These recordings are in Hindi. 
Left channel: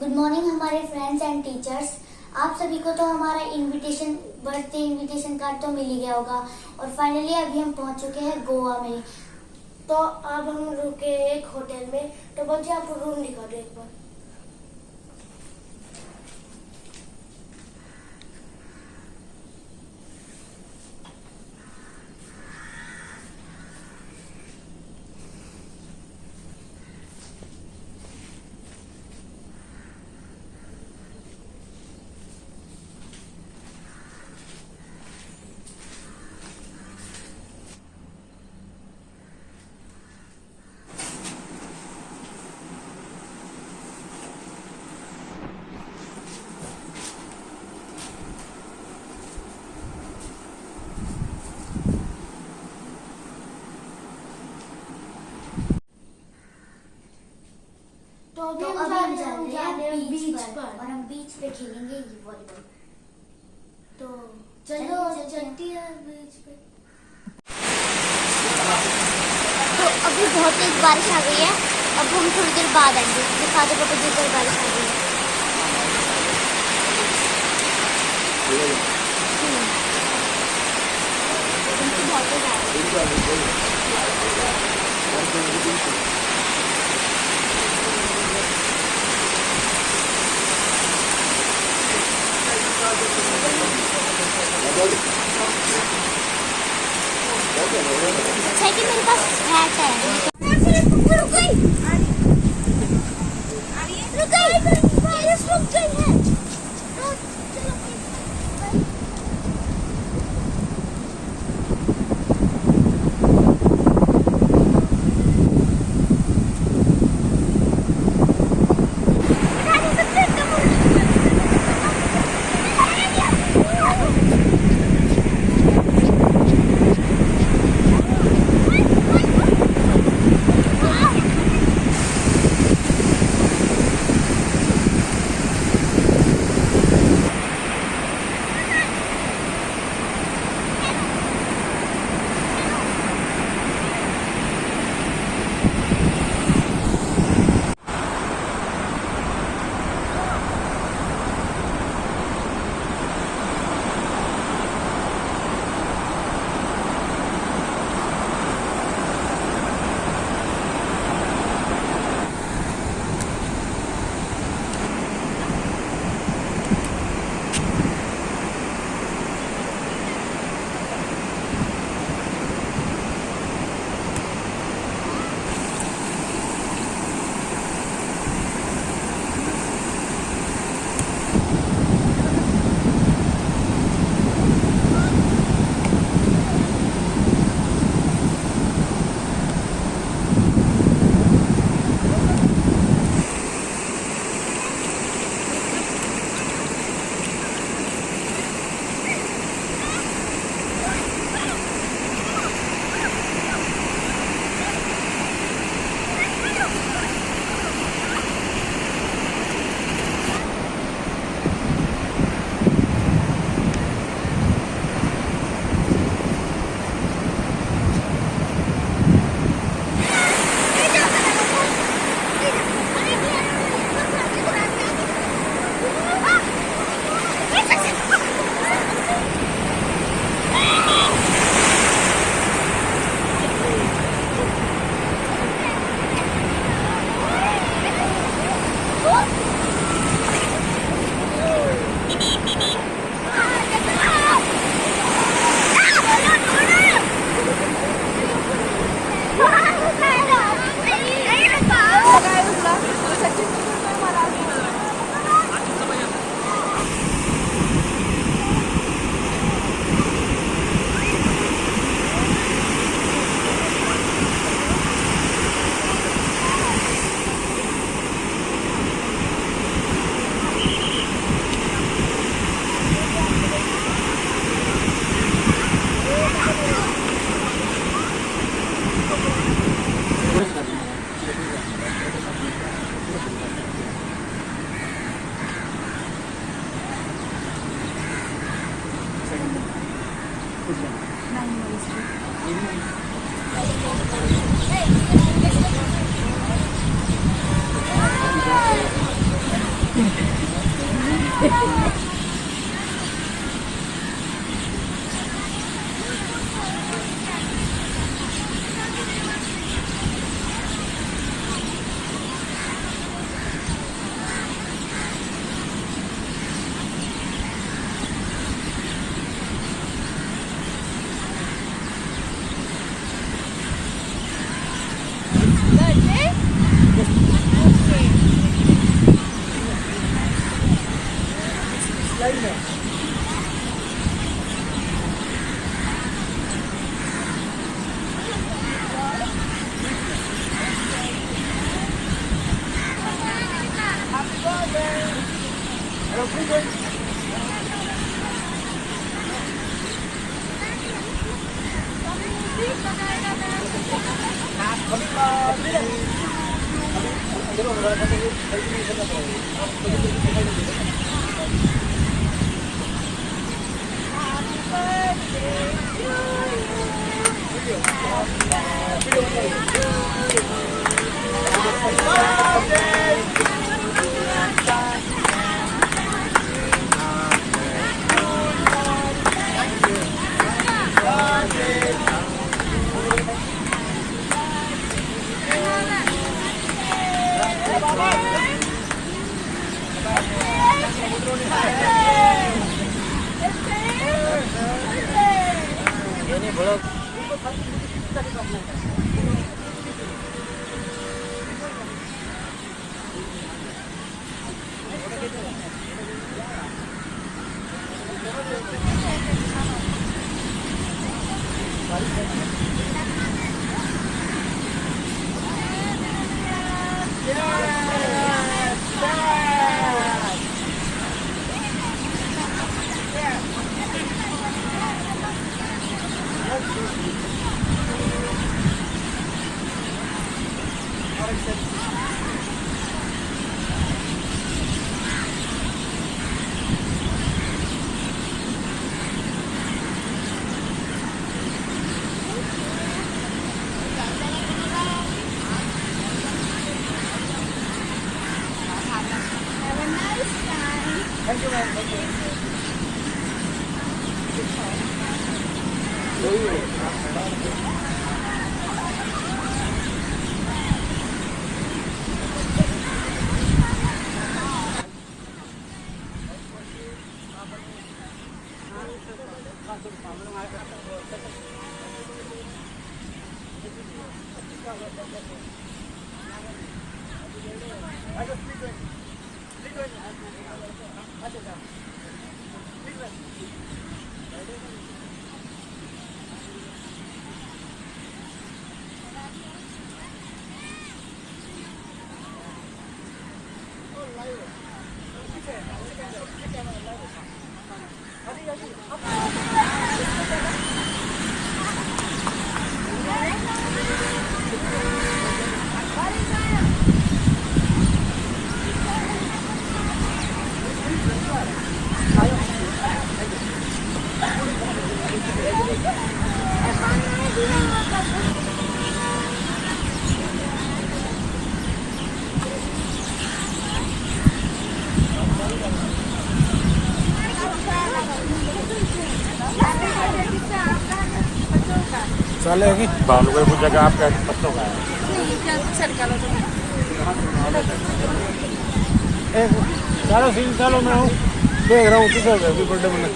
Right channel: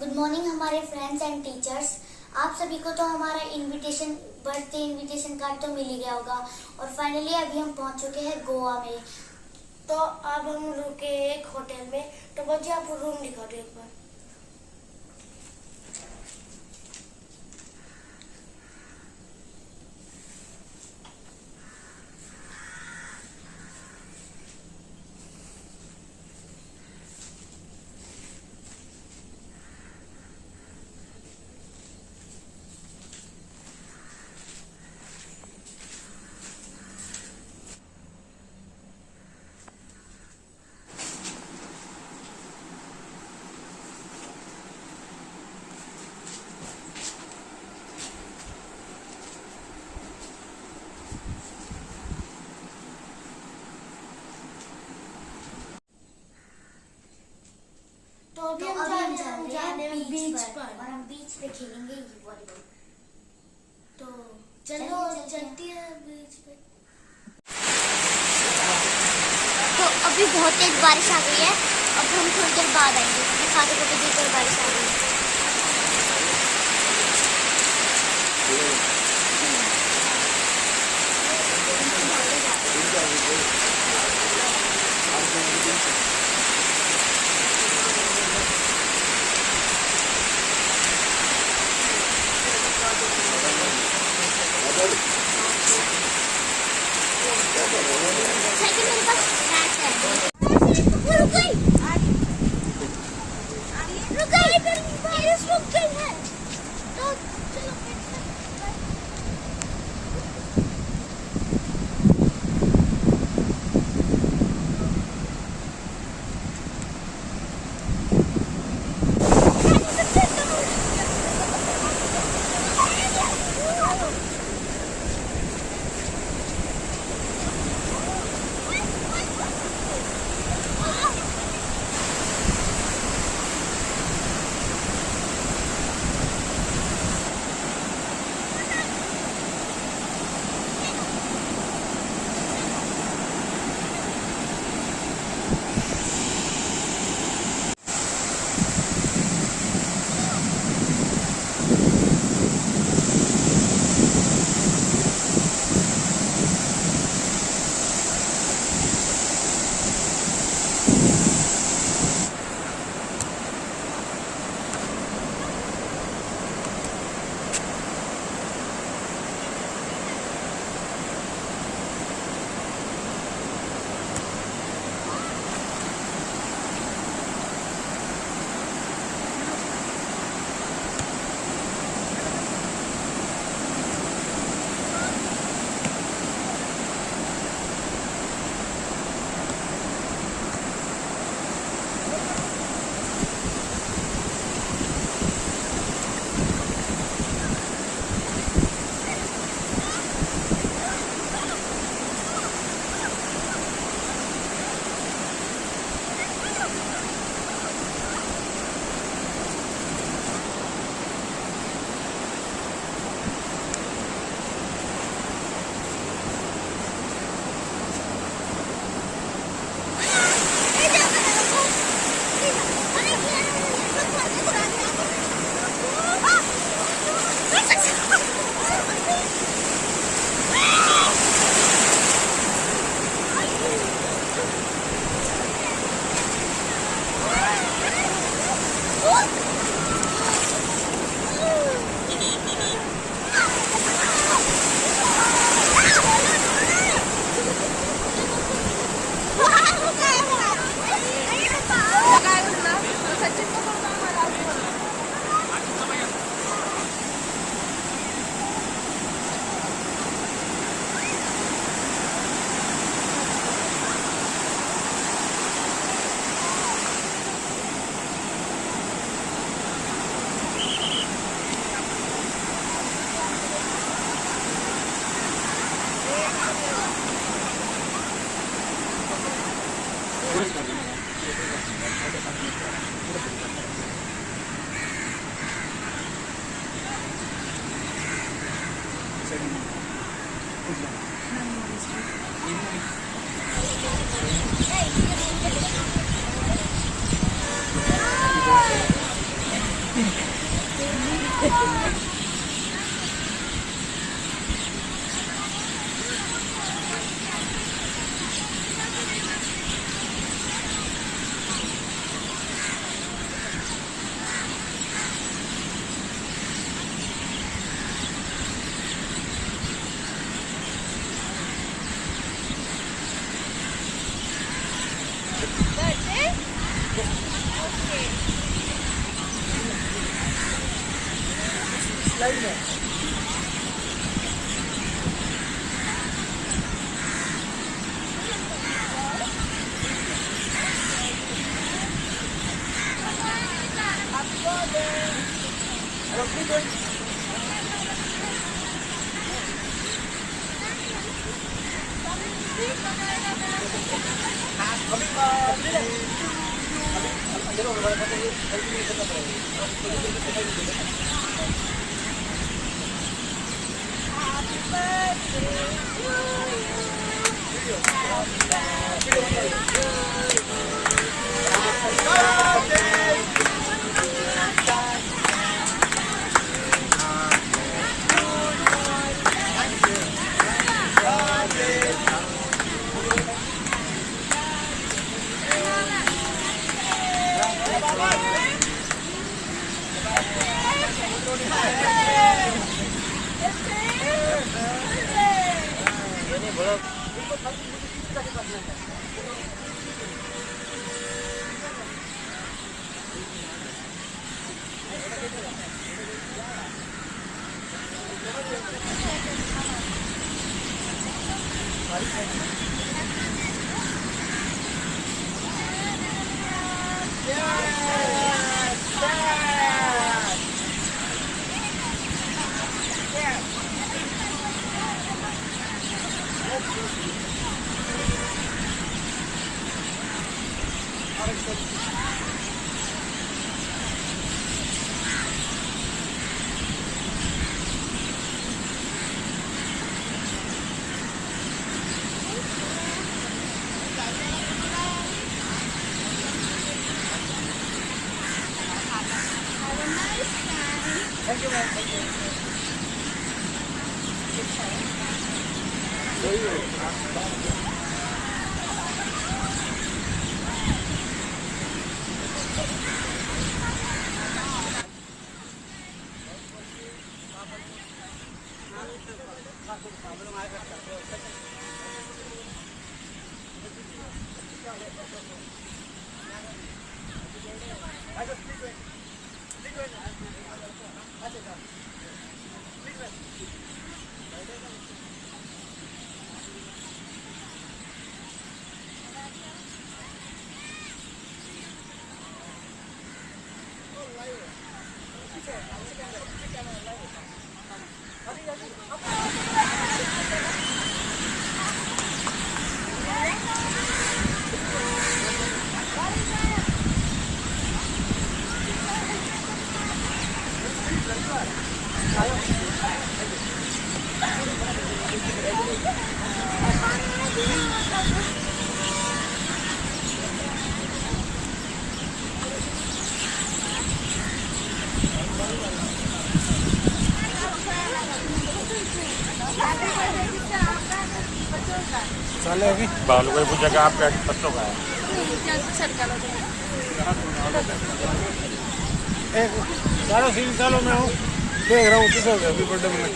गुड मॉर्निंग हमारे फ्रेंड्स एंड टीचर्स। आप सभी को तो हमारा बर्थडे इनविटेशन कार्ड तो मिल ही गया होगा और फाइनली अभी हम पहुंच चुके हैं गोवा में। तो अब हम रुके एक होटल में। तो बच्चे आपको रूम दिखा दो एक बार। तो अभी हम जा रहे हैं बीच पर और हम बीच पे खेलेंगे ये वॉलीबॉल। तो चलो चलती है बीच पे। तो अभी बहुत तेज बारिश आ गई है। अब हम थोड़ी देर बाद आएंगे। दिखा दो पता देकर बारिश आ गई है। बहुत तेज आ रही है। मेरे पास स्क्रैच है। रुक गई है। स्लाइड में thank you ma'am thank you चलेगी बालू भाई वो जगह आपके बच्चों का है। एक चलो 3 सालों में हूँ देख रहा हूँ किस हो गया बर्थडे में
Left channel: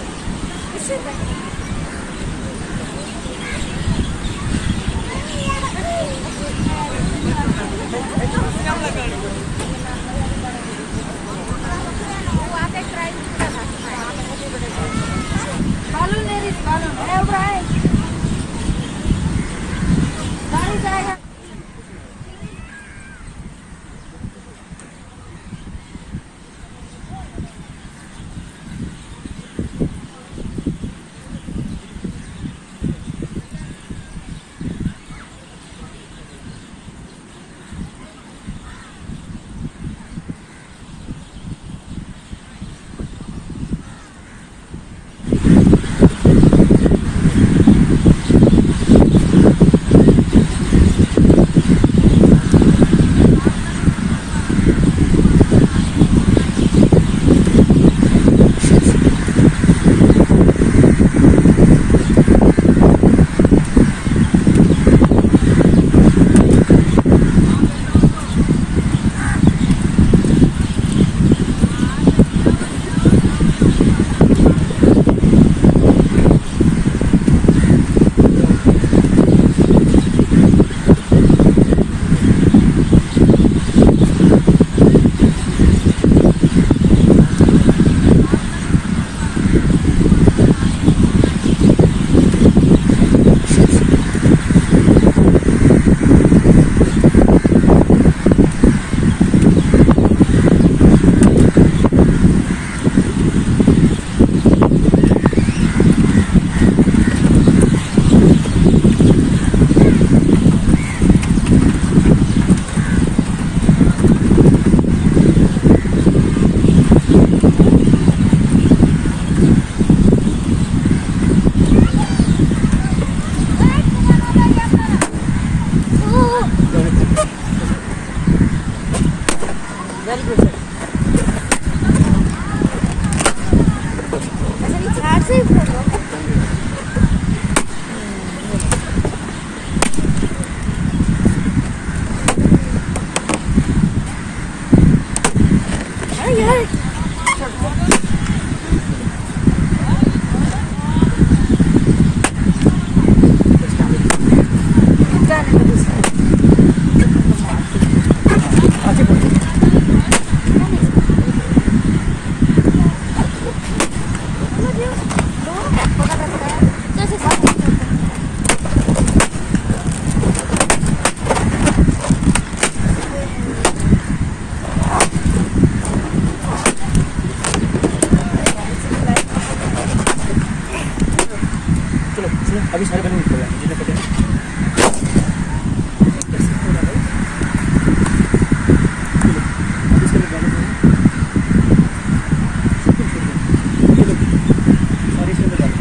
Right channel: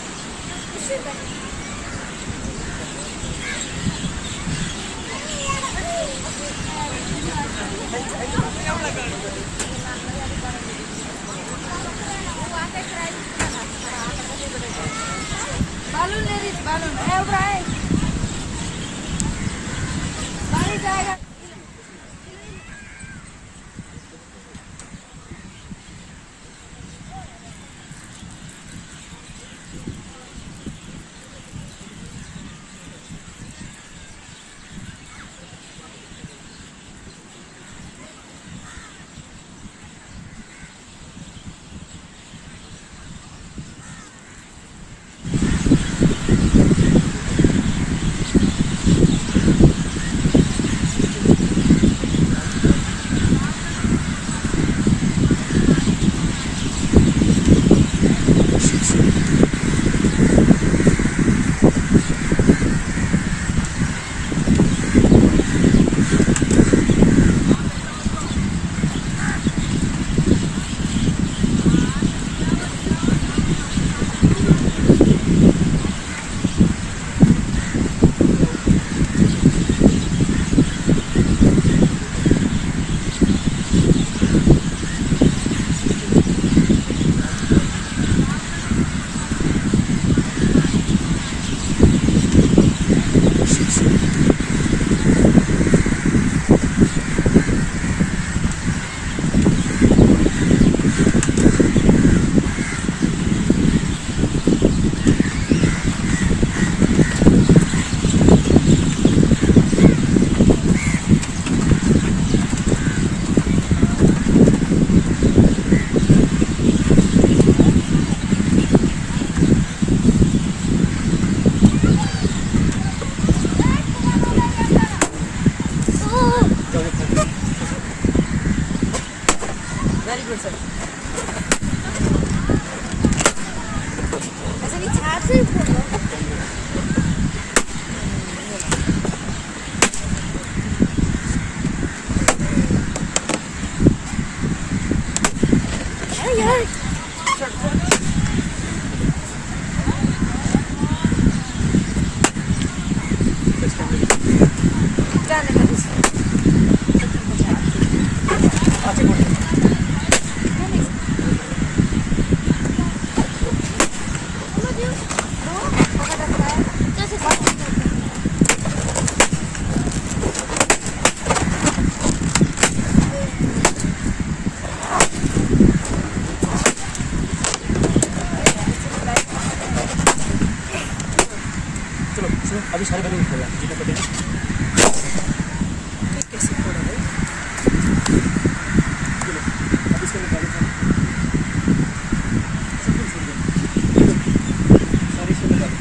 चलो सुनो, अभी सारे बैलून निकल गए जितने पटे हैं। कैसे होगा भाई? चलो, अभी इसके अंदर बैलून हैं। शुक्र शुक्र। ये लो, सारे इसके अंदर डालो।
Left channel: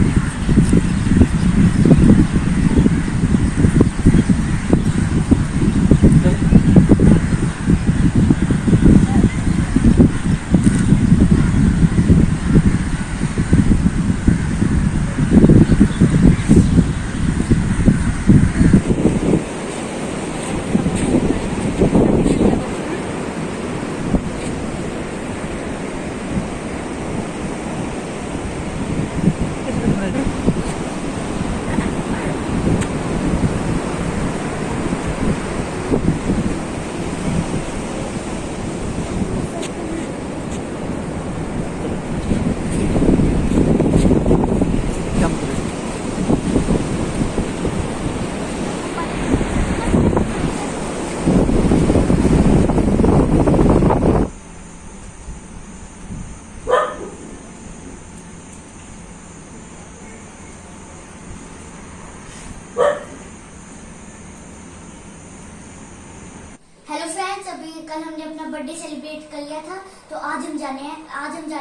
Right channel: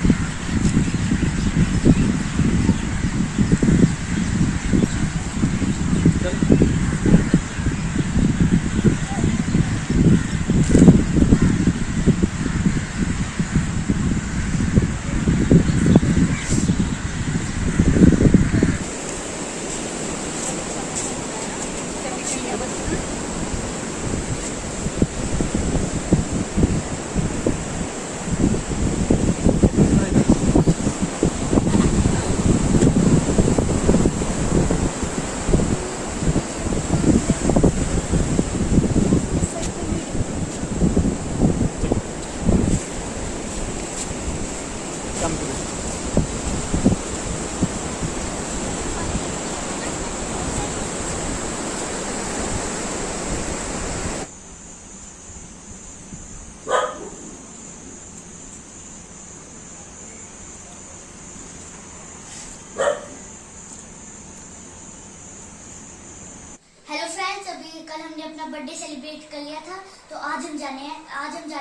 हेलो फ्रेंड्स, अभी कल हमने अपना बर्थडे सेलिब्रेट कर लिया था, तो आज हम जाने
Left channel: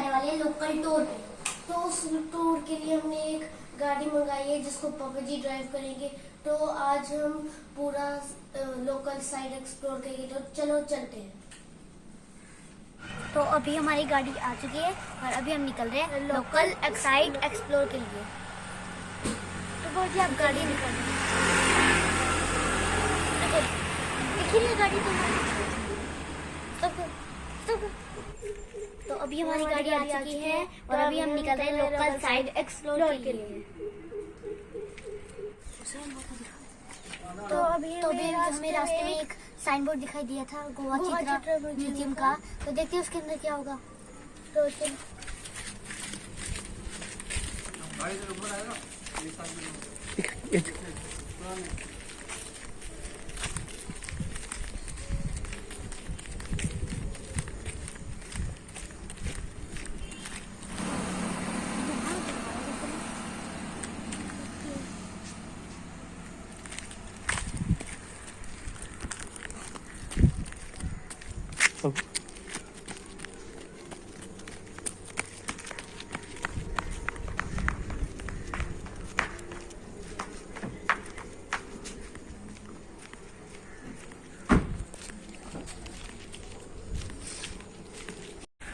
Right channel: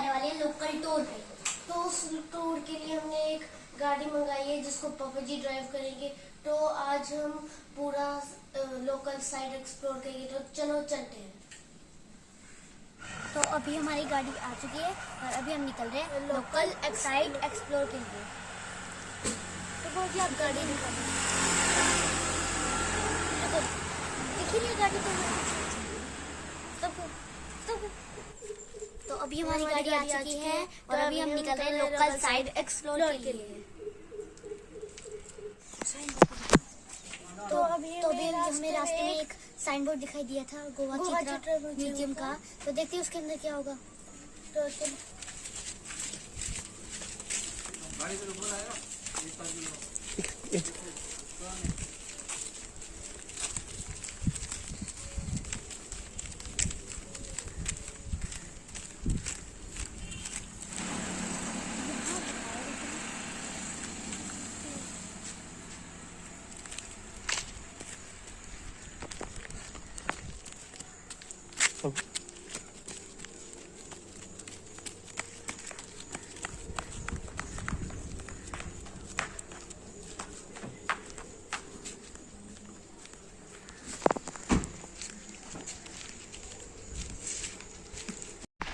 वाले हैं लोकल टूर पे। तो उस टूर के लिए हमने एक गाड़ी मंगाई है जिसको पापा जी ड्राइव करेंगे। तो आज हम पूरा लोकल साइड एक्सप्लोर करेंगे, तो चलो चलते हैं। तो अभी हमारी गाड़ी आ चुकी है और अभी हम निकल रहे हैं लोकल साइड एक्सप्लोर के लिए। तो बहुत ही आप गाड़ी निकल रहे हैं, देखिए गाड़ी तो अभी हमारी गाड़ी आ चुकी है और अभी हम निकल रहे हैं लोकल साइड एक्सप्लोर के लिए। तो अभी हमें रास्ते में एक साइन बोर्ड दिखाई दिया था गोवा चित्रा म्यूजियम का, तो देखते हैं उसके अंदर क्या होगा।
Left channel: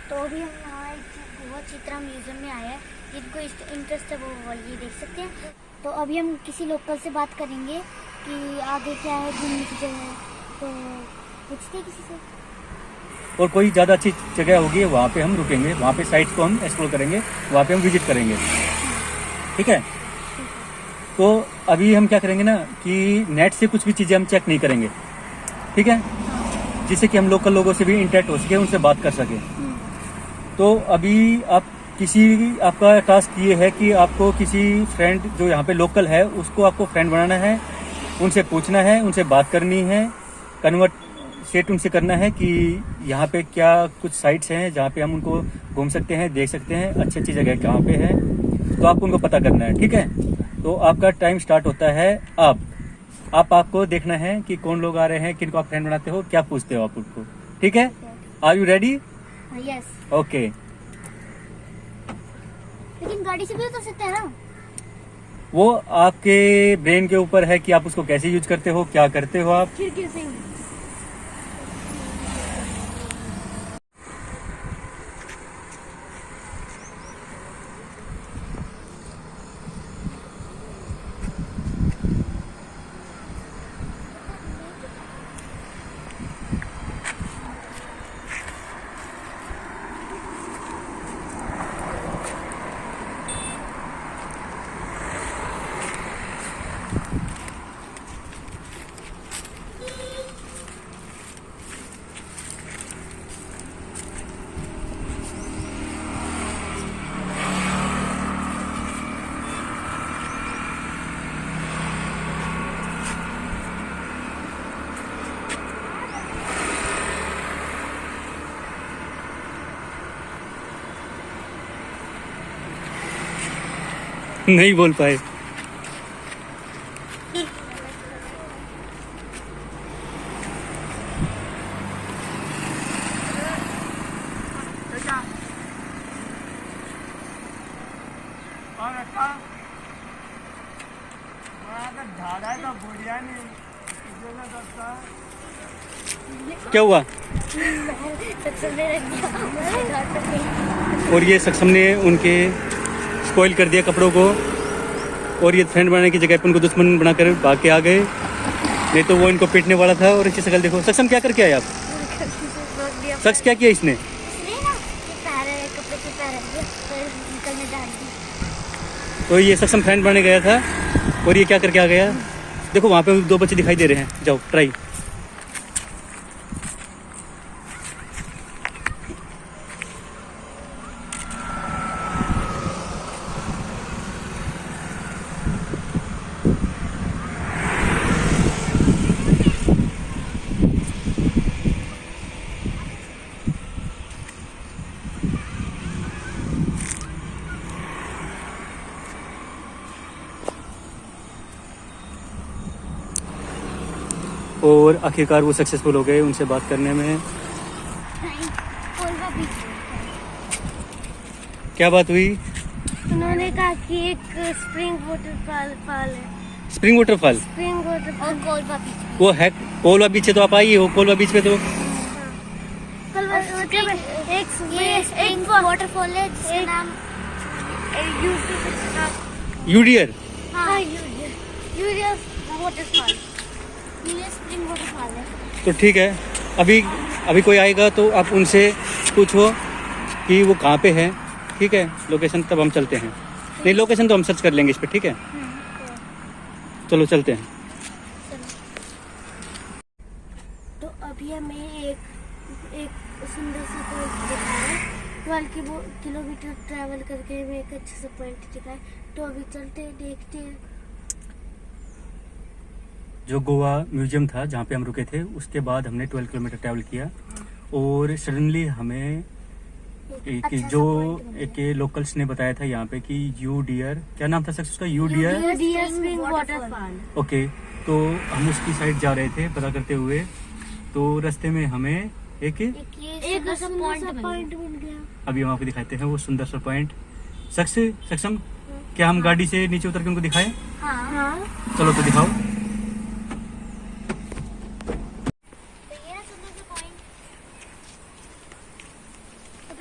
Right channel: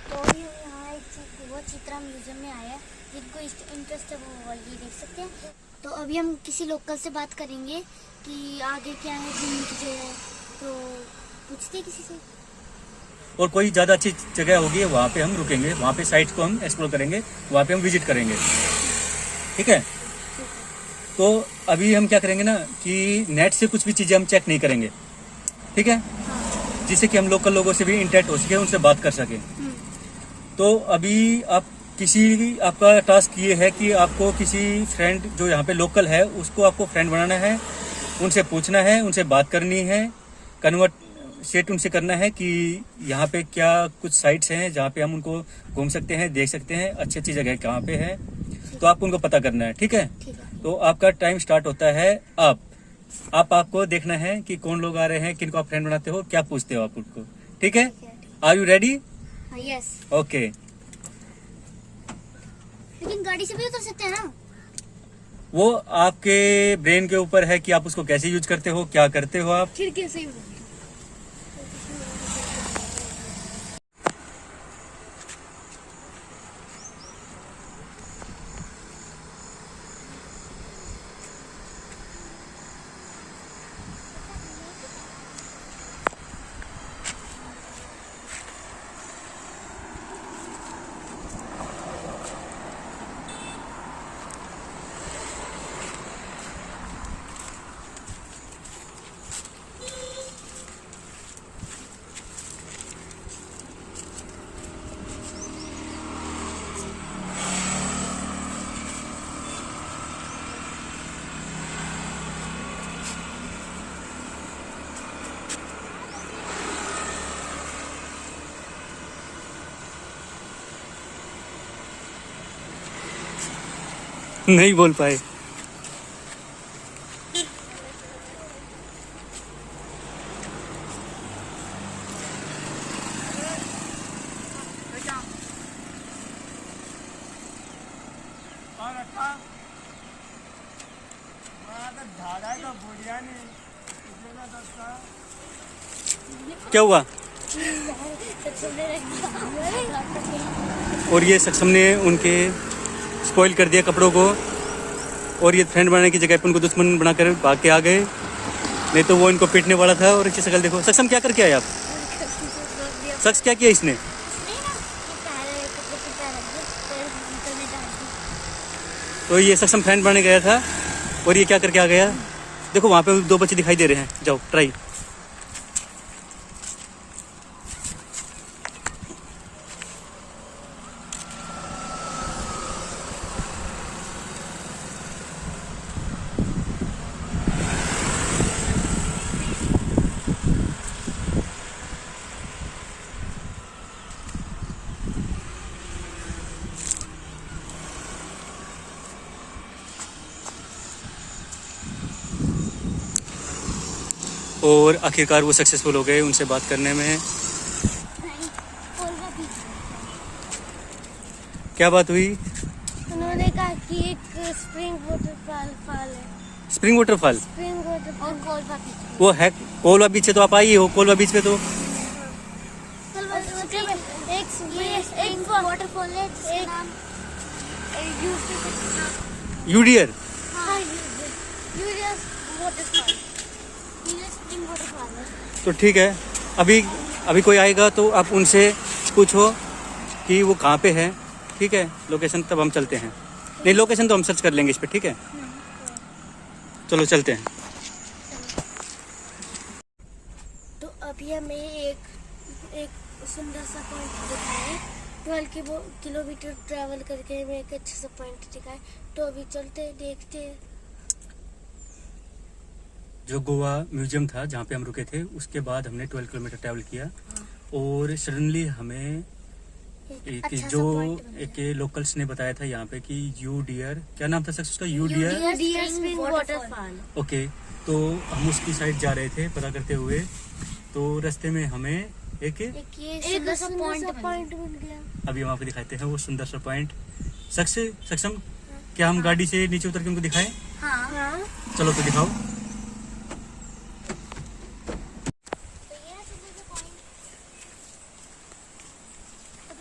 तो अभी हम यहाँ एक गोवा चित्रा म्यूजियम में आए हैं, जिनको इंटरेस्ट है वो ये देख सकते हैं। तो अभी हम किसी लोकल से बात करेंगे कि आगे क्या है घूमने की जगह, तो पूछते हैं किसी से। और कोई ज़्यादा अच्छी जगह होगी वहाँ पे हम रुकेंगे, वहाँ पे साइट्स को हम एक्सप्लोर करेंगे, वहाँ पे हम विजिट करेंगे, ठीक है। तो अभी हम क्या करेंगे ना कि नेट से कुछ भी चीज़ें हम चेक नहीं करेंगे, ठीक है, जिससे कि हम लोकल लोगों से भी इंटरेक्ट हो सके, उनसे बात कर सके। तो अभी आपका टास्क ये है कि आपको किसी फ्रेंड जो यहाँ पे लोकल है उसको आपको फ्रेंड बनाना है, उनसे पूछना है, उनसे बात करनी है, कन्वर्सेट उनसे करना है कि यहाँ पे क्या कुछ साइट्स हैं जहाँ पे हम उनको घूम सकते हैं, देख सकते हैं, अच्छी अच्छी जगह कहाँ पे है, तो आपको उनको पता करना है, ठीक है। तो आपका टाइम स्टार्ट होता है आपको देखना है कि कौन लोग आ रहे हैं, किनको आप फ्रेंड बनाते हो, क्या पूछते हो आप उनको, ठीक है। Are you ready? Yes. Okay. लेकिन गाड़ी से भी उतर सकते हैं ना? वो आपके ब्रेन के ऊपर है कि आप उसको कैसे यूज करते हो, क्या करते हो आप। फिर कैसे? नहीं बोल पाए। क्या हुआ? और ये सक्षम ने उनके स्पॉइल कर दिया कपड़ों को, और ये फ्रेंड बनाने की जगह पे उनको दुश्मन बनाकर भाग के आ गए। नहीं तो वो इनको पीटने वाला था। और इसकी शक्ल देखो। सक्षम क्या करके आए आप? शख्स क्या किया इसने? कपड़े पे पैर रख दिया, पैर निकलने डाल दी। तो ये सक्षम फ्रेंड बनाने गया था और ये क्या करके आ गया। देखो वहाँ पे 2 बच्चे दिखाई दे रहे हैं, जाओ ट्राई। और आखिरकार वो सक्सेसफुल हो गए उनसे बात करने में। क्या बात हुई? उन्होंने कहा कि एक स्प्रिंग वाटरफॉल है। Spring waterfall? Spring waterfall Colva beach. वो है कोलवा बीच से तो आप आई हो। कोलवा बीच पे तो एक वाटरफॉल है जिसका नाम यूडियर। हाँ यूडियर वाटरफॉल। स्प्रिंग वाटरफॉल है। तो ठीक है, अभी कोई आएगा तो आप उनसे पूछो कि वो कहाँ पे है। ठीक है, लोकेशन तब हम चलते हैं। नहीं, लोकेशन तो हम सर्च कर लेंगे इस पे। ठीक है, चलो चलते हैं। तो अभी हमें एक सुंदर सा पॉइंट दिखा है। 12 किलोमीटर ट्रैवल करके हमें एक अच्छा सा पॉइंट दिखा है। तो अभी चलते हैं, देखते हैं। जो गोवा म्यूजियम था जहाँ पे हम रुके थे, उसके बाद हमने 12 किलोमीटर ट्रैवल किया और सडनली हमें एक लोकल्स ने बताया था यहाँ पे कि यू डियर, क्या नाम था सर उसका? You dear spring waterfall. Okay. तो हम उसकी साइड जा रहे थे पता करते हुए, तो रास्ते में हमें एक सुंदर सा पॉइंट मिल गया। अभी हम आपको दिखाते हैं वो सुंदर सा पॉइंट। सक्षम, क्या हम गाड़ी से नीचे उतर के उनको दिखाएं? हाँ। चलो तो दिखाओ।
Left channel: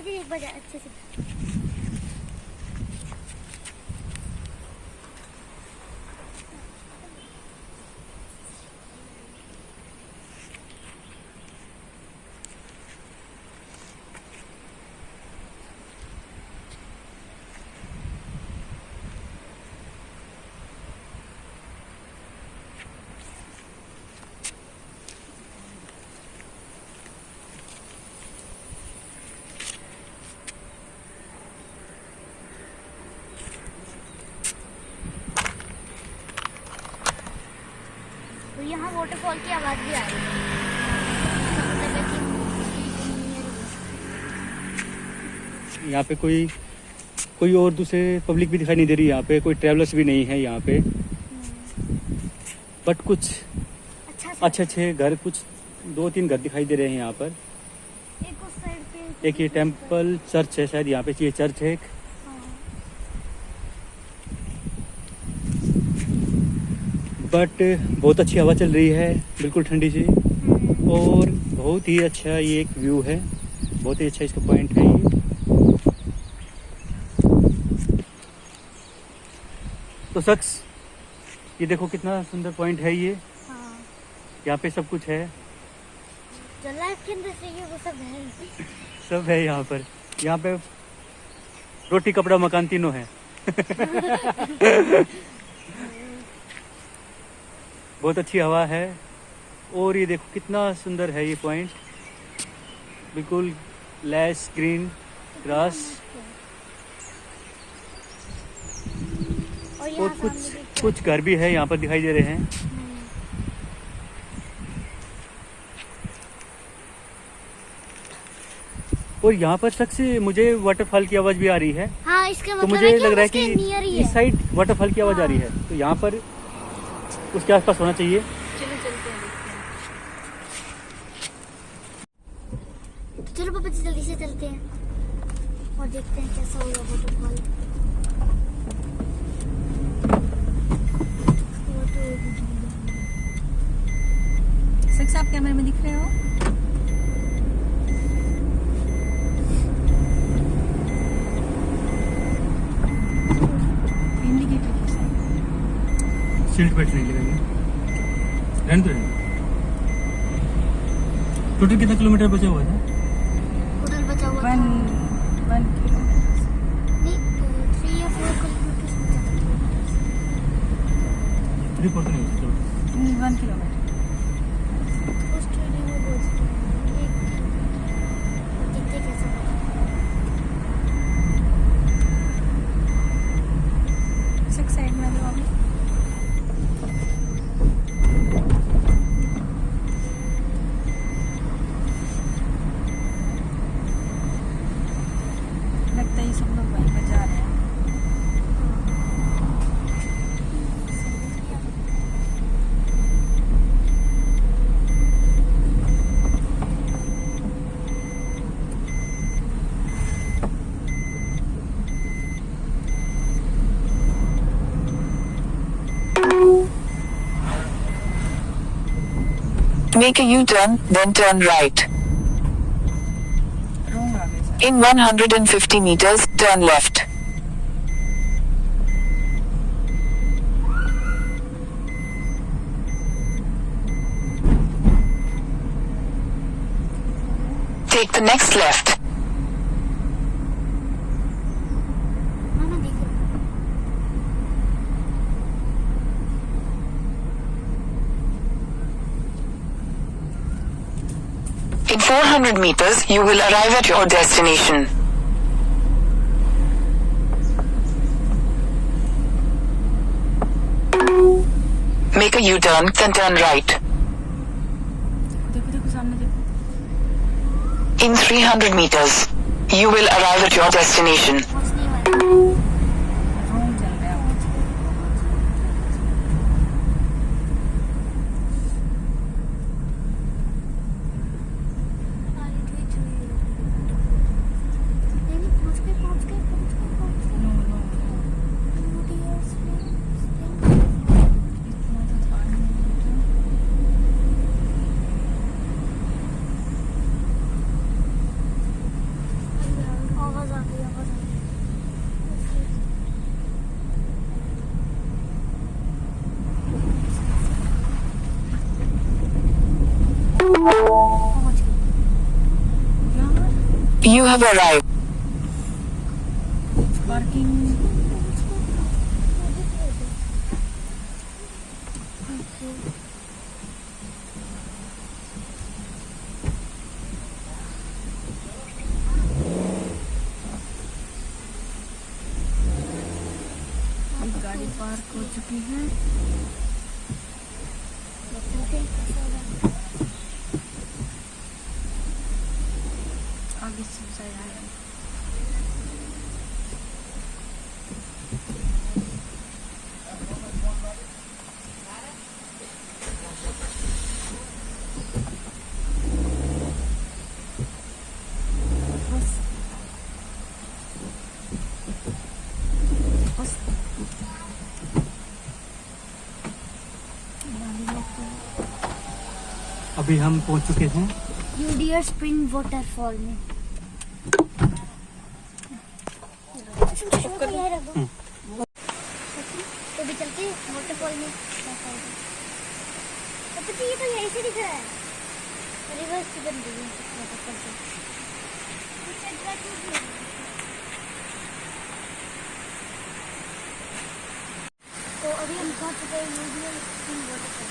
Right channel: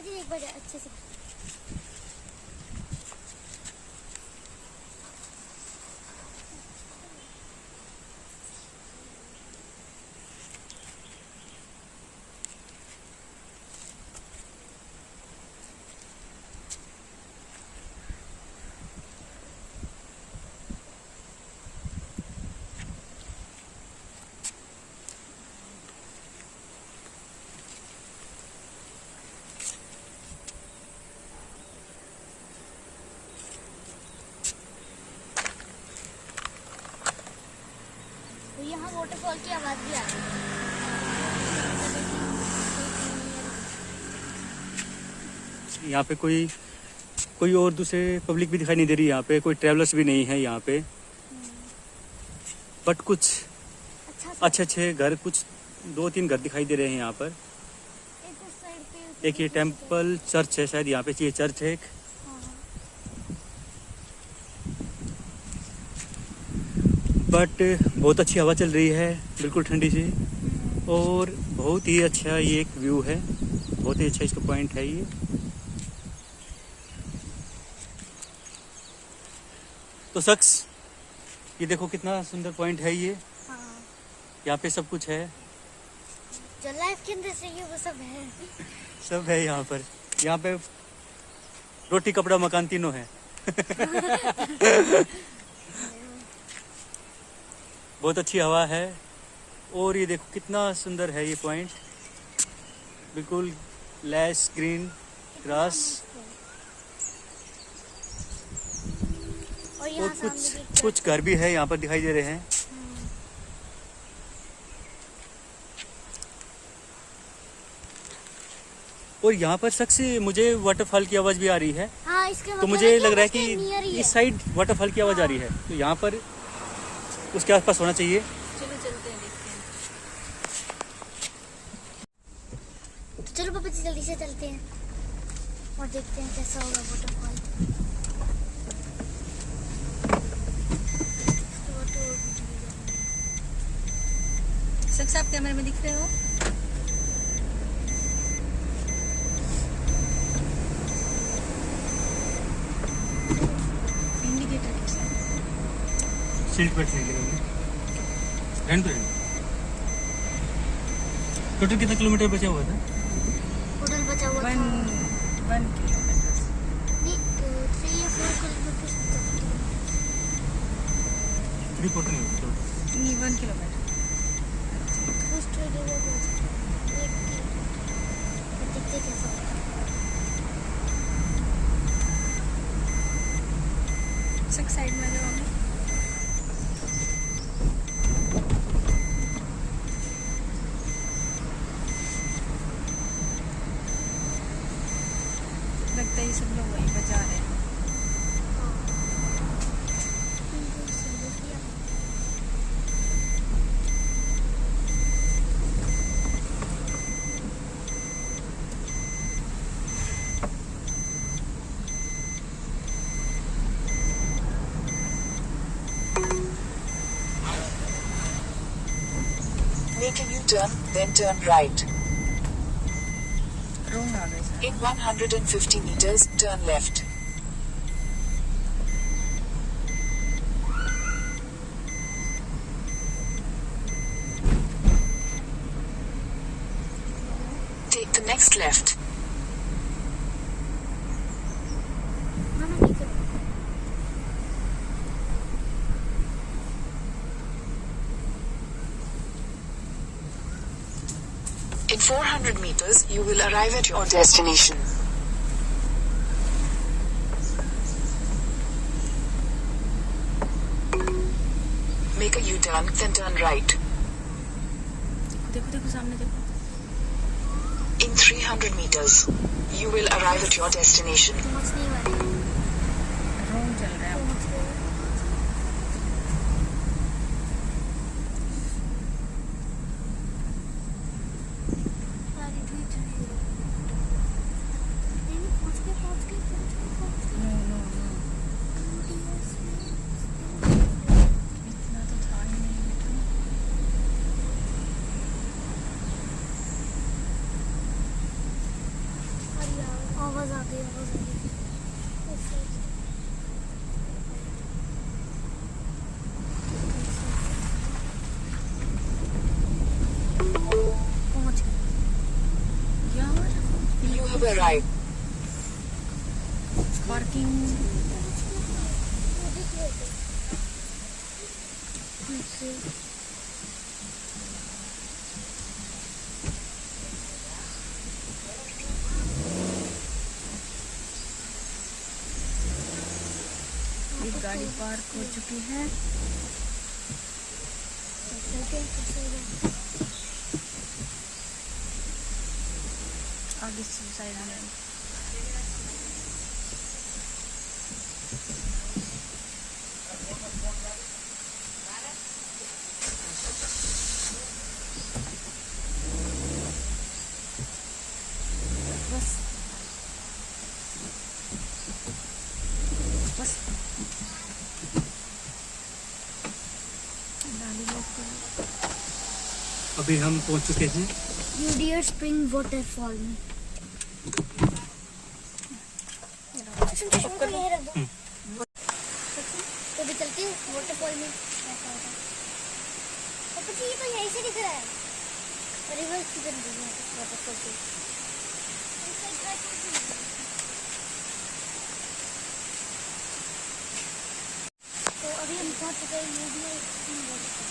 एक बार अच्छे से तो यहाँ वाटरफॉल की आवाज भी आ रही है। यहाँ पे कोई और दूसरे पब्लिक भी दिखाई नहीं दे रही। यहाँ पे कोई ट्रैवलर्स भी नहीं है यहाँ पे, बट कुछ अच्छे घर, कुछ 2-3 घर दिखाई दे रहे हैं यहाँ पर। एक उस साइड पे एक ये टेम्पल चर्च है शायद, यहाँ पे ये चर्च है एक। बट बहुत अच्छी हवा चल रही है, बिल्कुल ठंडी सी, और बहुत ही अच्छा ये एक व्यू है। बहुत ही अच्छा इसका पॉइंट है ये। तो शख्स, ये देखो कितना सुंदर पॉइंट है ये। हाँ। यहाँ पे सब कुछ है जो लाइफ के अंदर चाहिए वो सब है। सब है यहाँ पर। यहाँ पे रोटी कपड़ा मकान तीनों है। बहुत अच्छी हवा है, और ये देखो कितना सुंदर है ये पॉइंट। बिल्कुल लैश ग्रीन ग्रास, और कुछ घर भी है यहाँ पर दिखाई दे रहे हैं। और यहाँ पर शख्स मुझे वाटरफॉल की आवाज भी आ रही है। हाँ, इसका तो मतलब मुझे लग रहा है कि नियर ही है। इस साइड वाटरफॉल की आवाज आ रही है, तो यहाँ पर उसके आसपास होना चाहिए। चलो पापा जी जल्दी से चलते हैं और देखते हैं कैसा होगा वाटरफॉल। कैमरे में दिख रहे हो? इंडिकेटर कैसा है? सीट बेल्ट नहीं लगाएंगे। रहने दो। टोटल कितना किलोमीटर बचा हुआ था? टोटल बचा हुआ था 1 किलोमीटर। नहीं 3 या 4 किलोमीटर 3 नहीं नहीं 1 किलोमीटर। फर्स्ट ट्रेन में पहुंच गए देखते कैसा सब साइड में आ जाओ अभी। लगता है सब लोग वहीं पर जा रहे हैं। Make a U-turn, then turn right. रोंग आ गए sir. In 150 meters, turn left. Take the next left. मामा देखो In 400 meters, you will arrive at your destination. Make a U-turn, then turn right. देखो देखो सामने देखो। In 300 meters, you will arrive at your destination. पहुंचने वाले रोंग चल रहा है। नहीं पहुंच गए नो नो इतना तो था नहीं। आवाज आ गई आवाज आ गई पहुंच गए You have arrived. पार्किंग। गाड़ी पार्क हो चुकी है। आगे से साइड में बस अभी हम पहुंच चुके हैं यूडियर स्प्रिंग वाटरफॉल में तो भी चल के वाटरफॉल में ये तो यहीं से दिख रहा है रिवर किधर दिख वाटरफॉल से तो अभी हम पहुंच चुके हैं यूडियर स्प्रिंग वाटरफॉल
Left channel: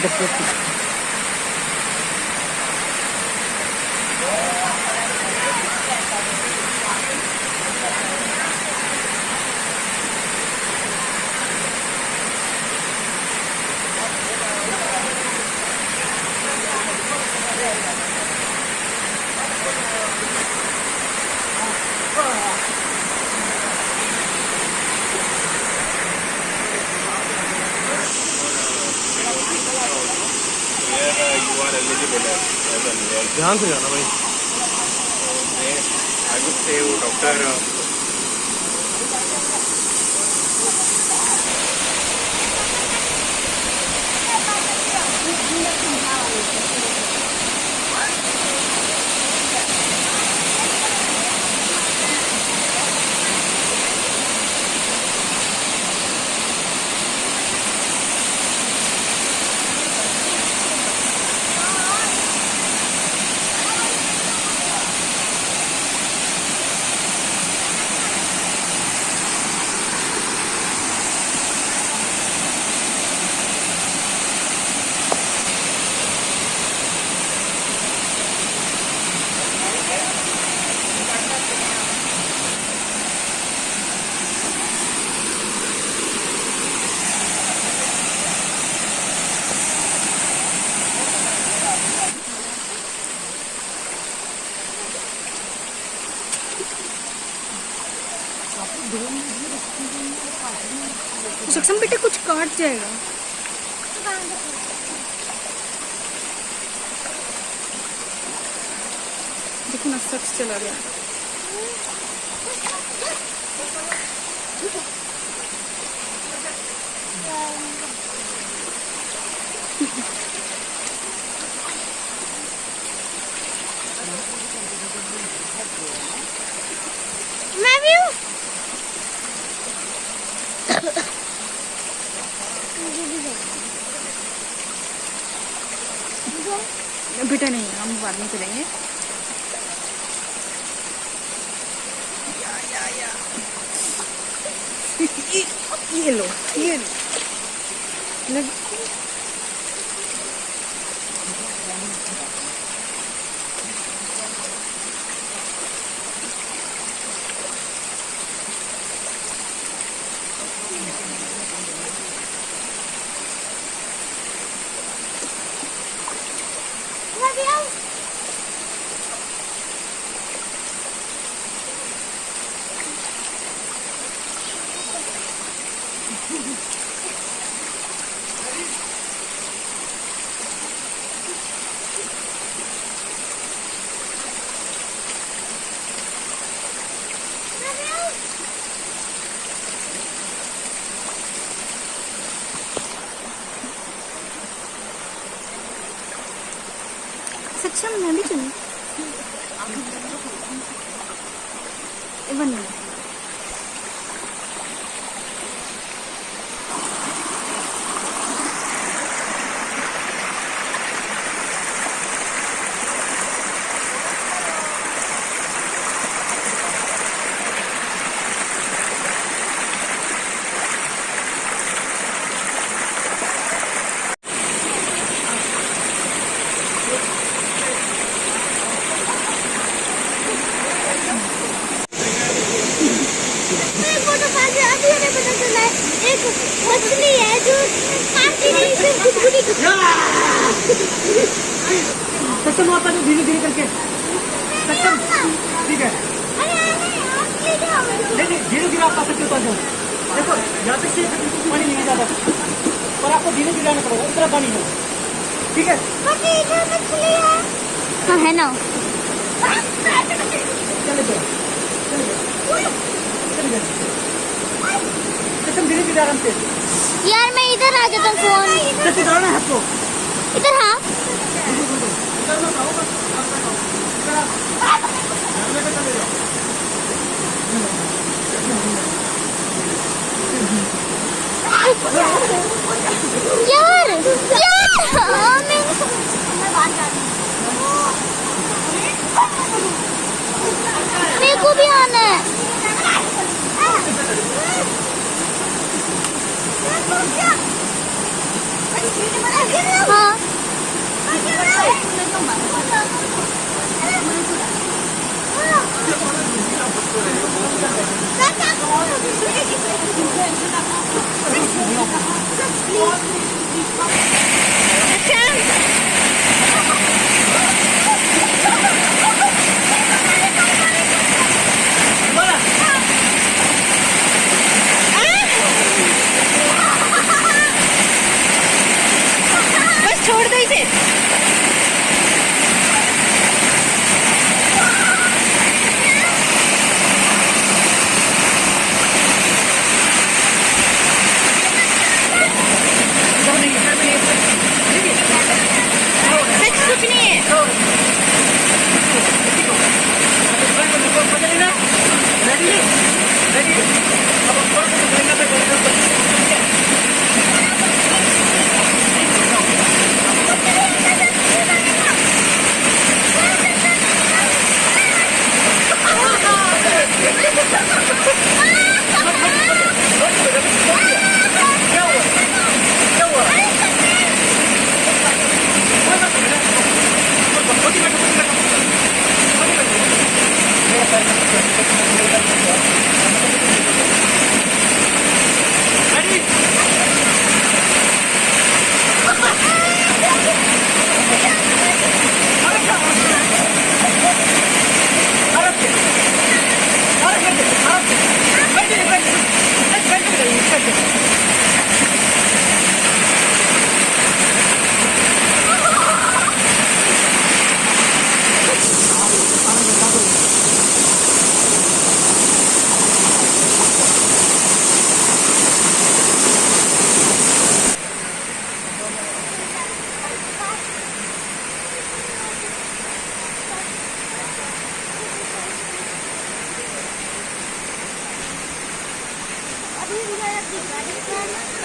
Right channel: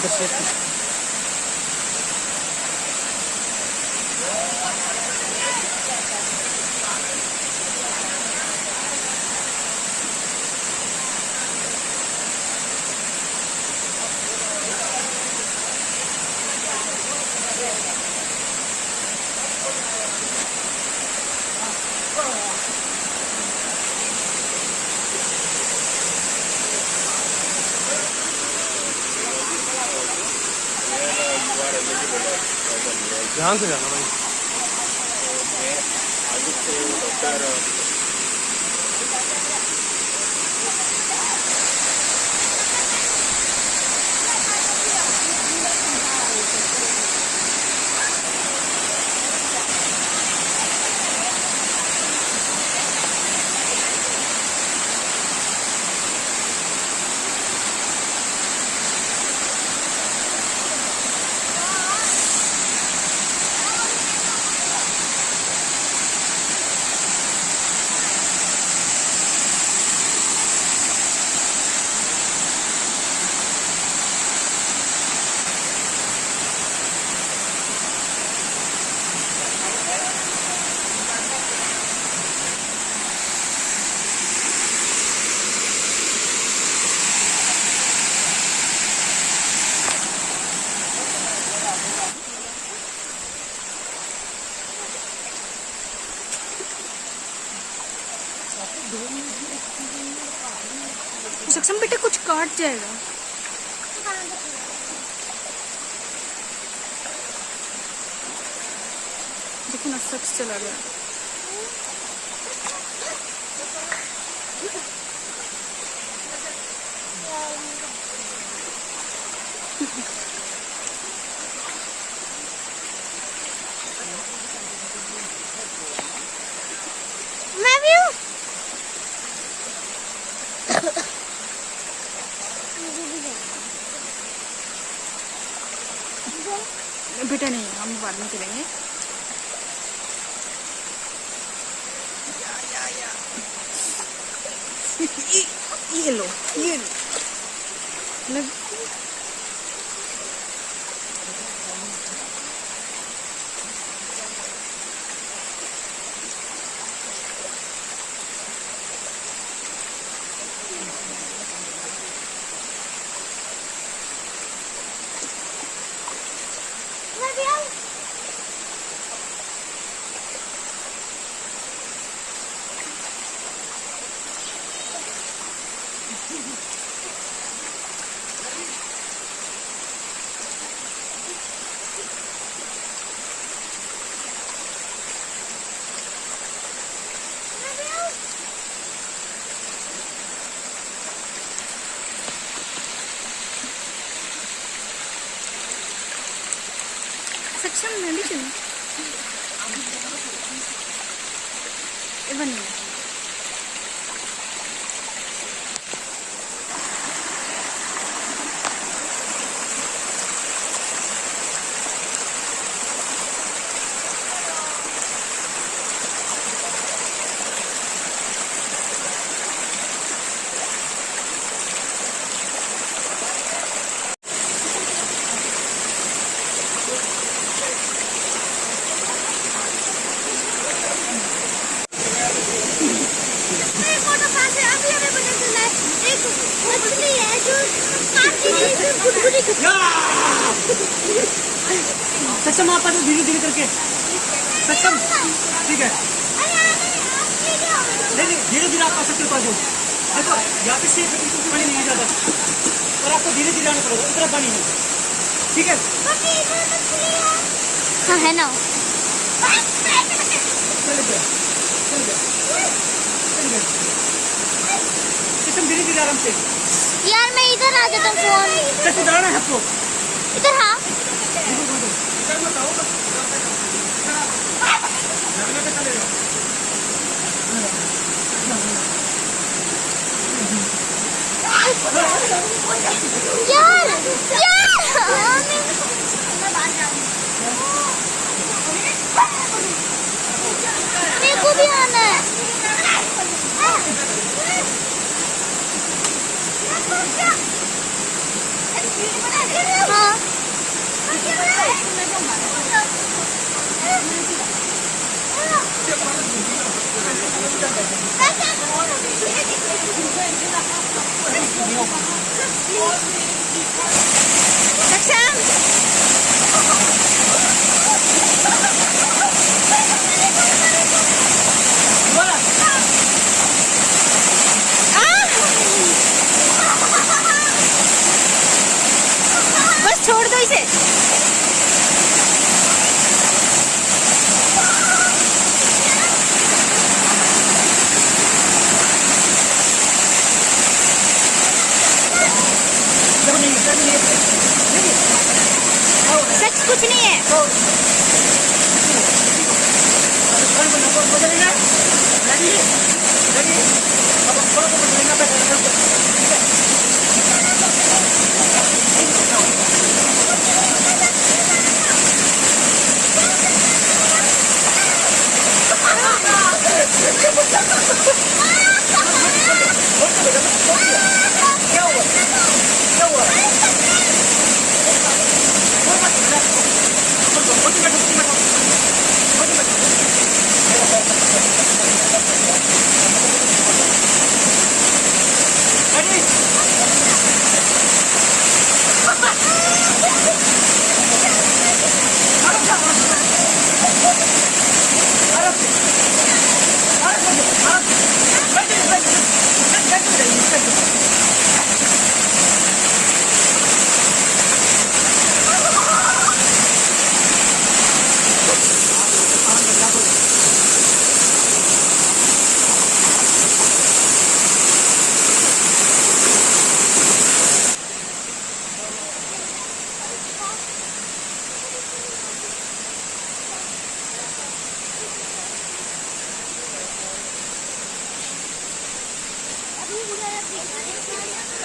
इधर से ध्यान से जाना भाई। सक्षम बेटे कुछ काट जाएगा। देखो ना सख्त चला गया। मैं भी हूँ। बेटा नहीं, हम बाद में करेंगे। ये लो, ये लो। मैं भी आऊँ। सक्षम मैं भी चलूँ। One minute. अभी हमें पता चला है एक मछली है जो काटती नहीं, सिर्फ गुदगुदी सक्षम वहाँ पर धीरे धीरे करके सक्षम ठीक है नहीं धीरे धीरे आप कर सकते हो। तो देखो यहाँ पे से पानी नहीं ज्यादा, पर आपको धीरे धीरे आना पड़ेगा, इतना पानी है ठीक है। हाँ है ना। चले गए सक्षम धीरे धीरे आराम से। यार मैं इधर आ गया था फोन। कैसे जाना है आपको? इधर है। यार मेरे को भी आना है। हाँ बस छोड़ दो इसे। सच कुछ नहीं है।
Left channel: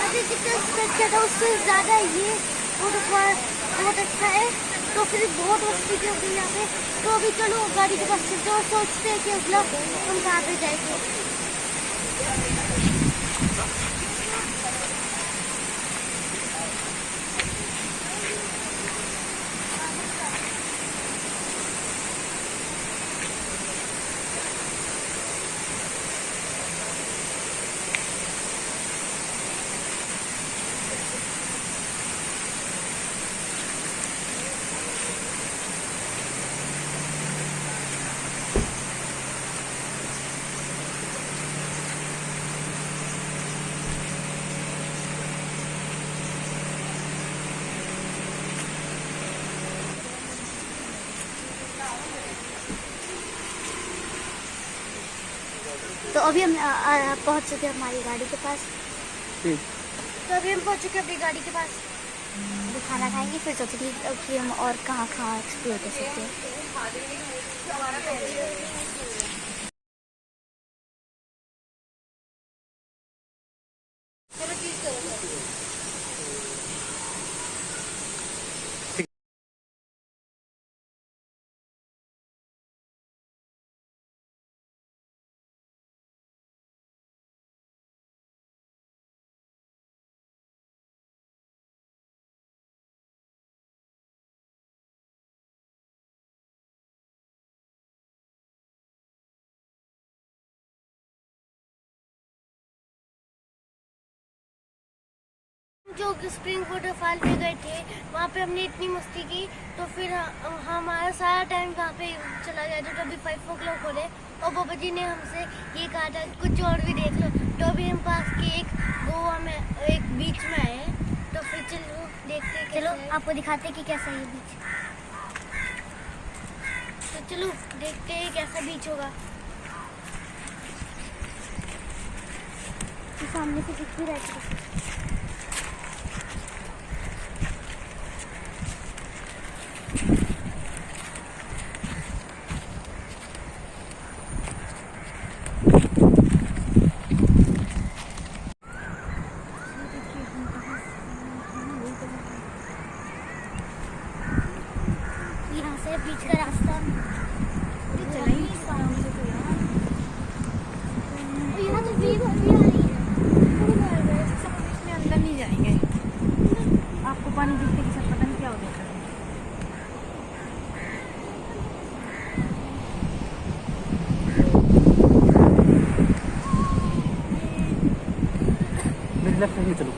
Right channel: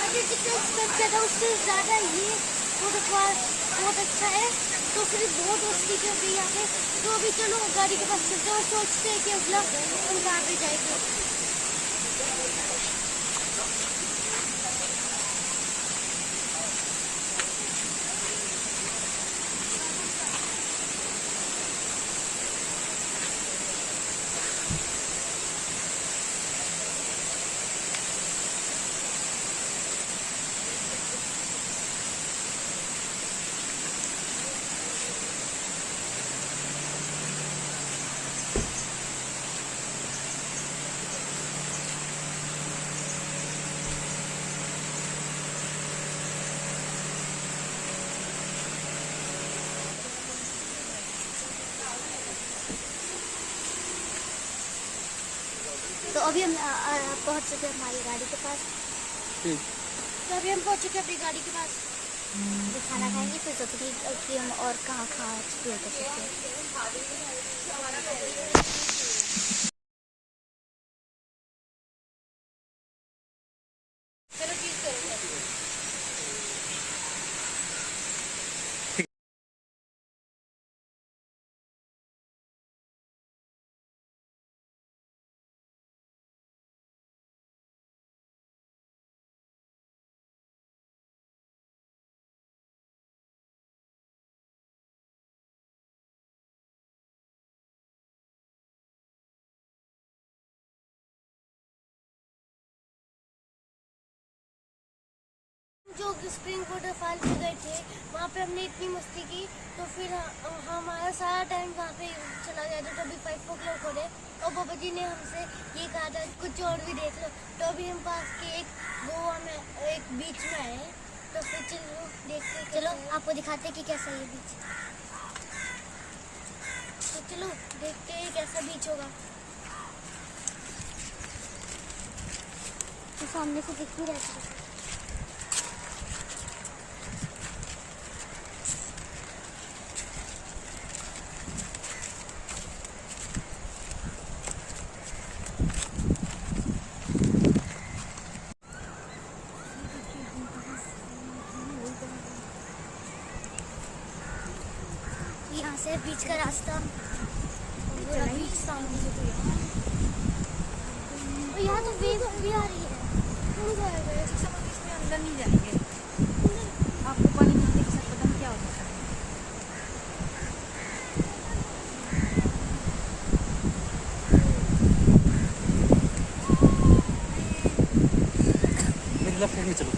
अभी जितना एक्सपेक्ट किया था उससे ज़्यादा ये बहुत अच्छा है। तो फिर बहुत मस्ती की होगी यहाँ पे। तो अभी चलो गाड़ी के पास चलते और सोचते हैं कि अगला हम कहाँ पे जाएंगे। तो अभी हम पहुंच चुके हैं हमारी गाड़ी के पास। तो अभी हम पहुंच चुके हैं अपनी गाड़ी के पास। अभी खाना खाएंगे फिर सोचेंगे कि हम और कहाँ कहाँ एक्सप्लोर कर सकते हैं। जो स्प्रिंग वाटरफॉल पे गए थे वहाँ पे हमने इतनी मस्ती की। तो फिर हमारा सारा टाइम वहाँ पे चला गया था। तो अभी 5 o'clock हो रहे और बाबा जी ने हमसे ये कहा था कुछ और भी देख लो। तो अभी हम पास के एक गोवा में एक बीच में आए। तो फिर चलो देखते हैं। चलो आपको दिखाते हैं कि कैसा है ये बीच। तो चलो देखते हैं कैसा बीच होगा। सामने से दिख भी रहा है। यहाँ से बीच का रास्ता सामने तो यहाँ तो भीड़ भी आ रही है। इसमें अंदर नहीं जाएंगे। आपको पानी बिल्कुल से पता नहीं क्या हो जाता है। इधर लेफ्ट साइड में चलो।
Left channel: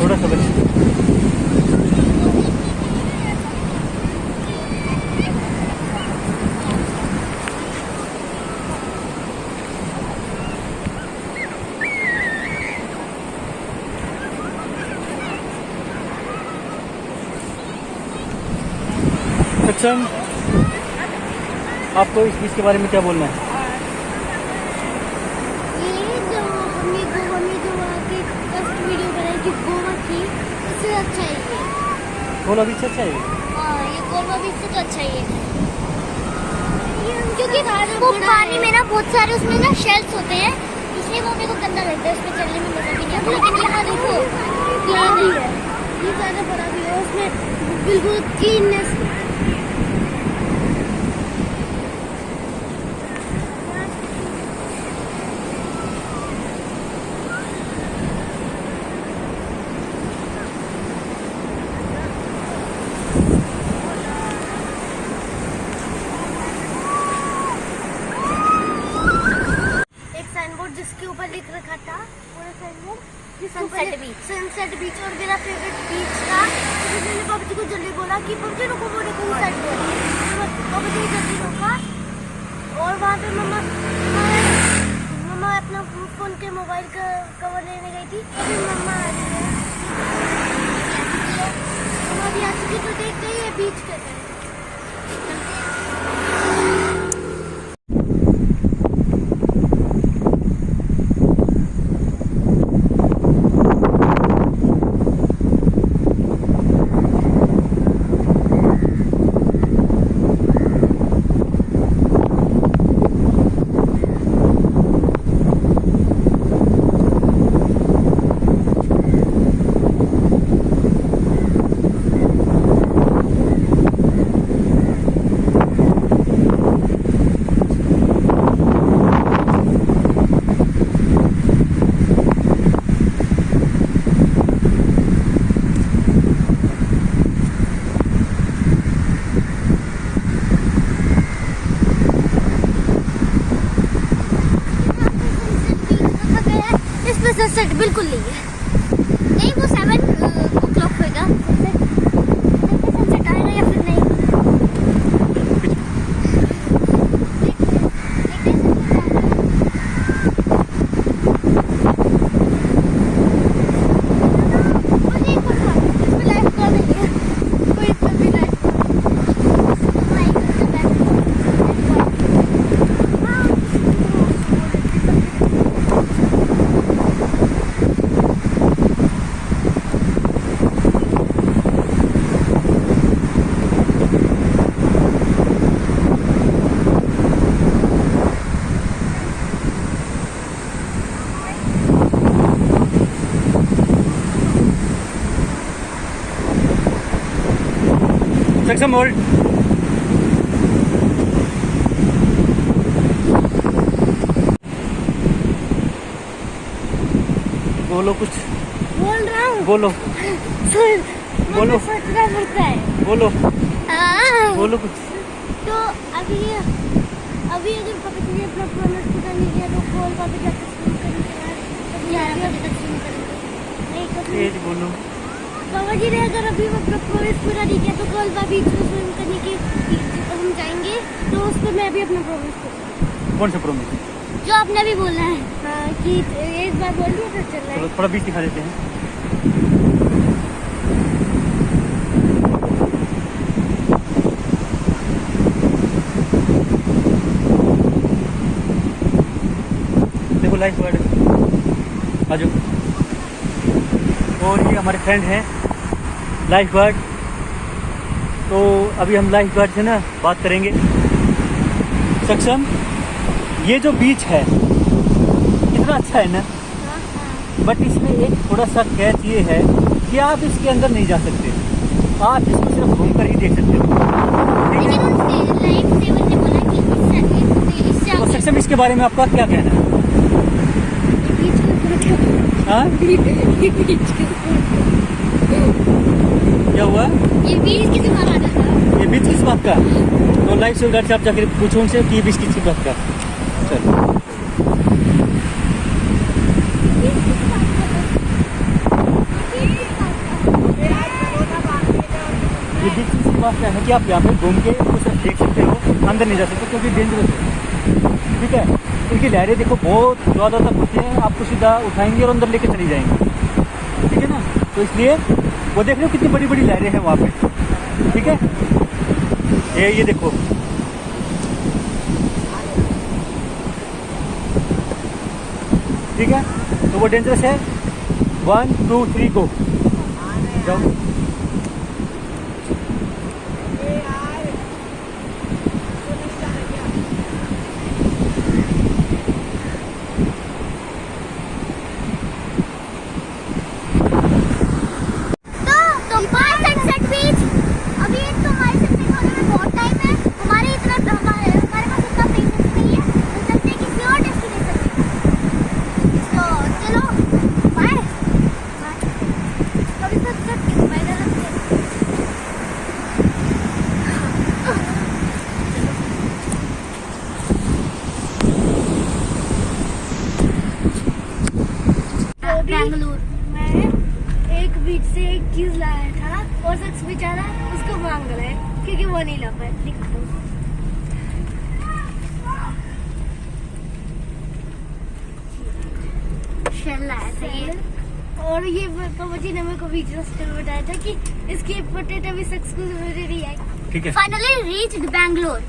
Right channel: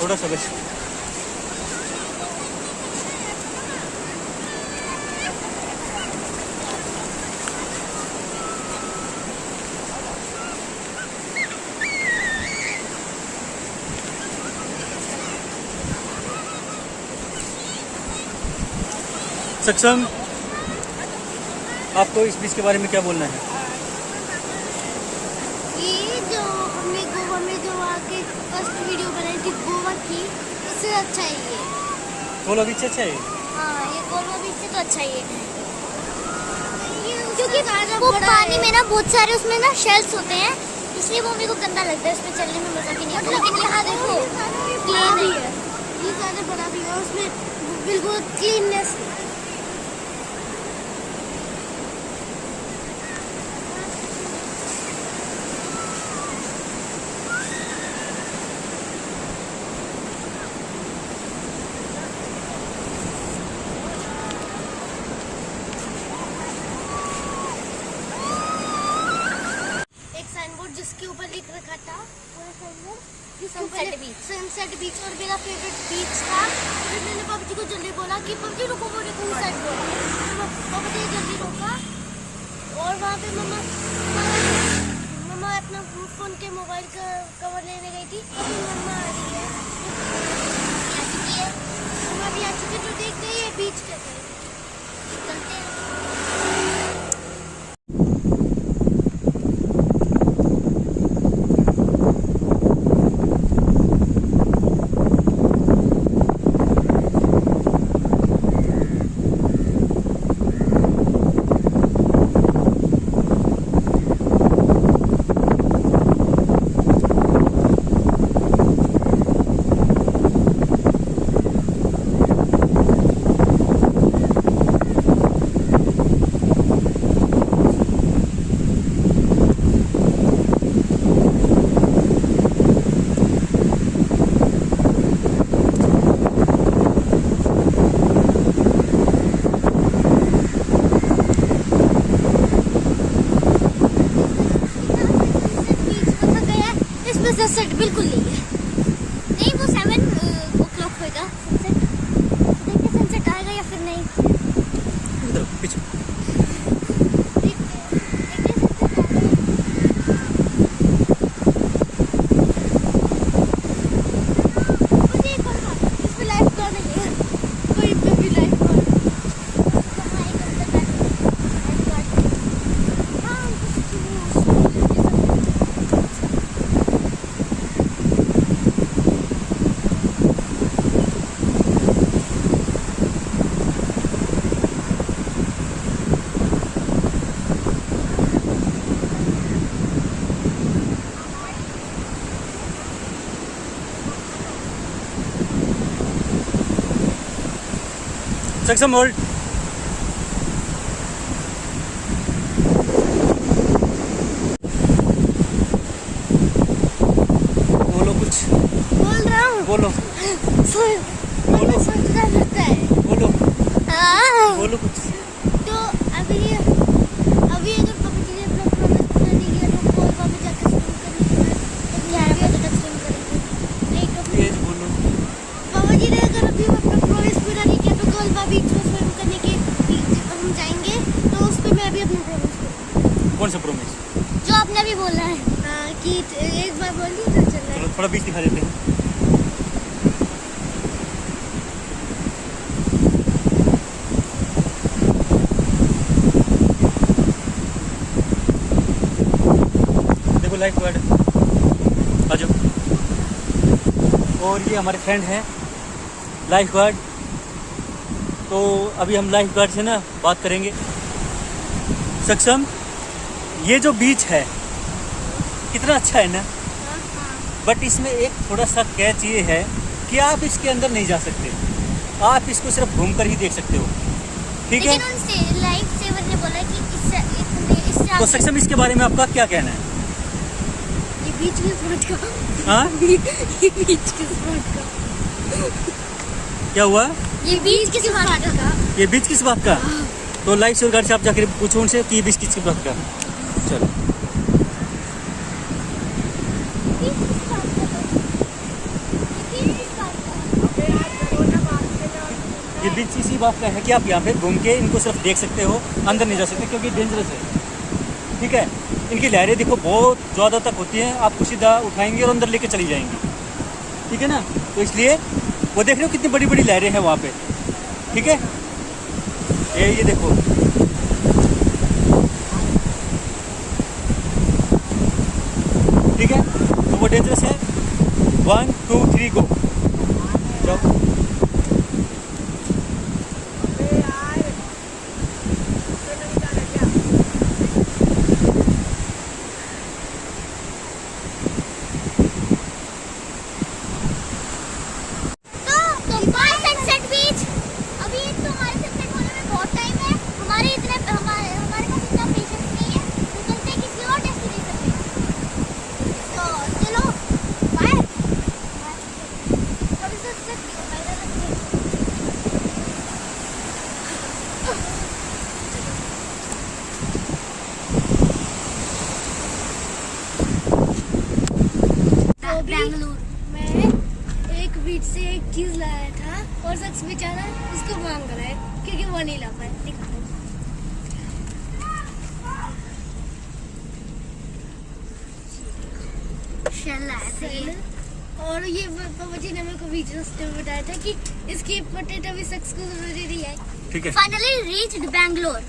थोड़ा सा बस। सक्षम, आपको इस बीच के बारे में क्या बोलना है? ये जो हमने गोवा में जो वहाँ के फर्स्ट वीडियो बनाई थी गोवा की, उससे अच्छा है ये। गोवा बीच अच्छा है हाँ, ये गोवा बीच से तो अच्छा ही है। क्योंकि वो पानी में ना बहुत सारे उसमें ना शेल्स होते हैं, इसलिए वो मेरे को गंदा लगता है, उसमें चलने में मजा भी नहीं आता। लेकिन यहाँ देखो बड़ा भी है, ये ज़्यादा बड़ा भी है, उसमें बिल्कुल क्लीननेस है। जिसके ऊपर लिख रखा था सनसेट बीच, और मेरा फेवरेट बीच था। तो मैंने पबजी को जल्दी बोला कि पबजी रुको, वो देखो उस साइड बोल रही है। पबजी जल्दी रोका, और वहाँ पे मम्मा अपना फोन के मोबाइल का कवर लेने गई थी। अभी मम्मा आ रही है, मम्मा भी आ चुकी, तो देख रही है बीच के साइड। सनसेट बिल्कुल नहीं, वो 7 o'clock होगा देखते सनसेट आएगा या फिर नहीं। सक्षम होल्ड। बोलो कुछ। बोल रहा हूँ, बोलो बोलो, सोचना पड़ता है। बोलो हाँ। बोलो कुछ। तो अभी अगर पापा जी ने अपना प्रॉमिस पूरा नहीं किया तो कॉल पापा जाकर स्विम करने के बाद तो क्या भी अभी तक स्विम करेंगे नहीं कभी। तेज बोलो। पापा जी ने अगर अभी अपना प्रॉमिस पूरा नहीं किया तो कल बीच में स्विम करने के हम जाएंगे, तो उस पर मैं भी अपना प्रॉमिस करूँगा। कौन सा प्रॉमिस? जो आपने भी बोला है। हाँ, कि एक बार बोल दिया तो चल रहा है। चलो थोड़ा बीच दिखा देते हैं। देखो लाइफ गार्ड आ जाओ। और ये हमारे फ्रेंड हैं लाइफ गार्ड। तो अभी हम लाइफ गार्ड से ना बात करेंगे। सक्षम, ये जो बीच है कितना अच्छा है ना, बट इसमें एक थोड़ा सा कैच ये है कि आप इसके अंदर नहीं जा सकते, आप इसको सिर्फ घूमकर ही देख सकते हो, ठीक लेकिन है। उनसे लाइफ सेवर ने बोला कि इससे तो सक्षम, इसके बारे में आपका क्या कहना है? बीच के स्पॉट का, हाँ, ये बीच के स्पॉट का, क्या हुआ? ये बीच किस बात का? ये बीच किस बात का? तो लाइफ सेवर गार्ड से आप जाकर पूछो उनसे कि ये बीच किस बात का। चलो, बीच किस बात का? बीच किस बात का? ये बीच इसी बात का है कि आप यहाँ पे घूम के इनको सिर्फ देख सकते हो, अंदर नहीं जा सकते क्योंकि डेंजरस है, ठीक है। इनकी लहरें देखो बहुत ज़्यादा तक होती हैं, आपको सीधा उठाएंगे और अंदर लेके चली जाएंगी, ठीक है ना। तो इसलिए वो देख रहे हो कितनी बड़ी बड़ी लहरें हैं वहाँ पे, ठीक है। ये देखो, ठीक है। तो वो डेंजरस है। 1 2 3 गो, जाओ। तो बाय सनसेट बीच। अभी एक तो हमारे सनसेट होने में बहुत टाइम है, हमारे पास इतना पेशेंस नहीं है, तो चलते हैं किसी और डेस्टिनेशन पे। तो चलो बाय। कभी सनसेट बाय करते हैं। बेंगलुरु मैं एक बीच से एक चीज लाया था और शख्स बेचारा उसको मांग रहा है क्योंकि वो नहीं ला पाया। शेल लाया था ये। और ये पापा जी ने मेरे को बीच रास्ते में बताया था कि इसकी पोटैटो भी शख्स को जरूरी आई। ठीक है। Finally reached Bangalore.